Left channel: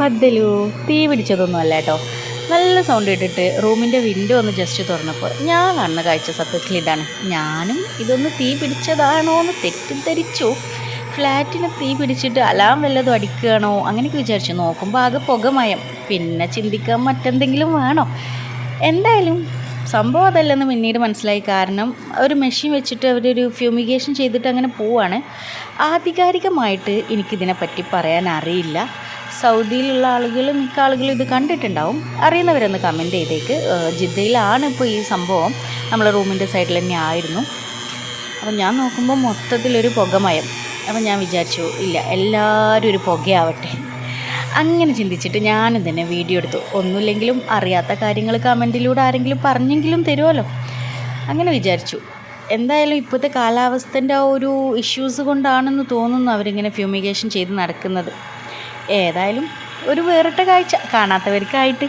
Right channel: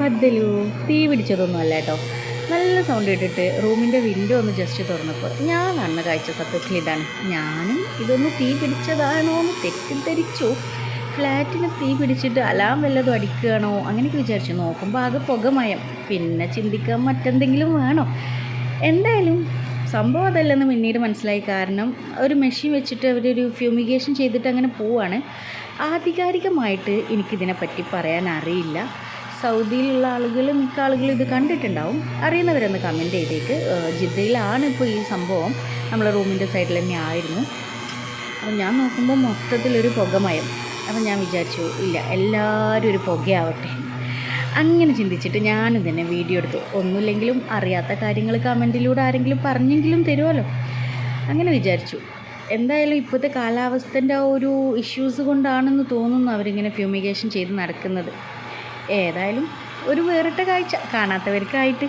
പന്തലു തീ പിടിച്ചതൊന്നുമല്ല കേട്ടോ. നല്ല സൗണ്ട് ഇട്ടിട്ട് റൂമിൻ്റെ വിൻഡോ ഒന്ന് ജസ്റ്റ് തുറന്നപ്പോൾ ഞാൻ കാണുന്ന കാഴ്ച സത്യത്തിൽ ഇതാണ്. ഞാനും ഇതൊന്ന് തീ പിടിച്ചതാണോ എന്ന് തെറ്റിദ്ധരിച്ചു. ഫ്ലാറ്റിന് തീ പിടിച്ചിട്ട് അലാം വല്ലതും അടിക്കുകയാണോ അങ്ങനെയൊക്കെ വിചാരിച്ചു. നോക്കുമ്പോൾ ആകെ പുകമയം. പിന്നെ ചിന്തിക്കാൻ മറ്റെന്തെങ്കിലും വേണോ. എന്തായാലും സംഭവം അതല്ലെന്ന് പിന്നീട് മനസ്സിലായി. കാരണം ഒരു മെഷീൻ വെച്ചിട്ട് അവരൊരു ഫ്യൂമിഗേഷൻ ചെയ്തിട്ട് അങ്ങനെ പോവാണ്. ആധികാരികമായിട്ട് എനിക്കിതിനെപ്പറ്റി പറയാൻ അറിയില്ല. സൗദിയിലുള്ള ആളുകൾ മിക്ക ആളുകളും ഇത് കണ്ടിട്ടുണ്ടാവും. അറിയുന്നവരൊന്ന് കമൻറ്റ് ചെയ്തേക്ക്. ജിദ്ദയിലാണ് ഇപ്പോൾ ഈ സംഭവം. നമ്മളെ റൂമിൻ്റെ സൈഡിൽ തന്നെ ആയിരുന്നു. അപ്പം ഞാൻ നോക്കുമ്പോൾ മൊത്തത്തിലൊരു പുകമയം. അപ്പം ഞാൻ വിചാരിച്ചു ഇല്ല, എല്ലാവരും ഒരു പുകയാവട്ടെ. അങ്ങനെ ചിന്തിച്ചിട്ട് ഞാനും തന്നെ വീഡിയോ എടുത്തു. ഒന്നുമില്ലെങ്കിലും അറിയാത്ത കാര്യങ്ങൾ കമൻറ്റിലൂടെ ആരെങ്കിലും പറഞ്ഞെങ്കിലും തരുമല്ലോ, അങ്ങനെ വിചാരിച്ചു. എന്തായാലും ഇപ്പോഴത്തെ കാലാവസ്ഥൻ്റെ ആ ഒരു ഇഷ്യൂസ് കൊണ്ടാണെന്ന് തോന്നുന്നു അവരിങ്ങനെ ഫ്യൂമിഗേഷൻ ചെയ്ത് നടക്കുന്നത്. ഏതായാലും ഒരു വേറിട്ട കാഴ്ച കാണാത്തവർക്കായിട്ട്.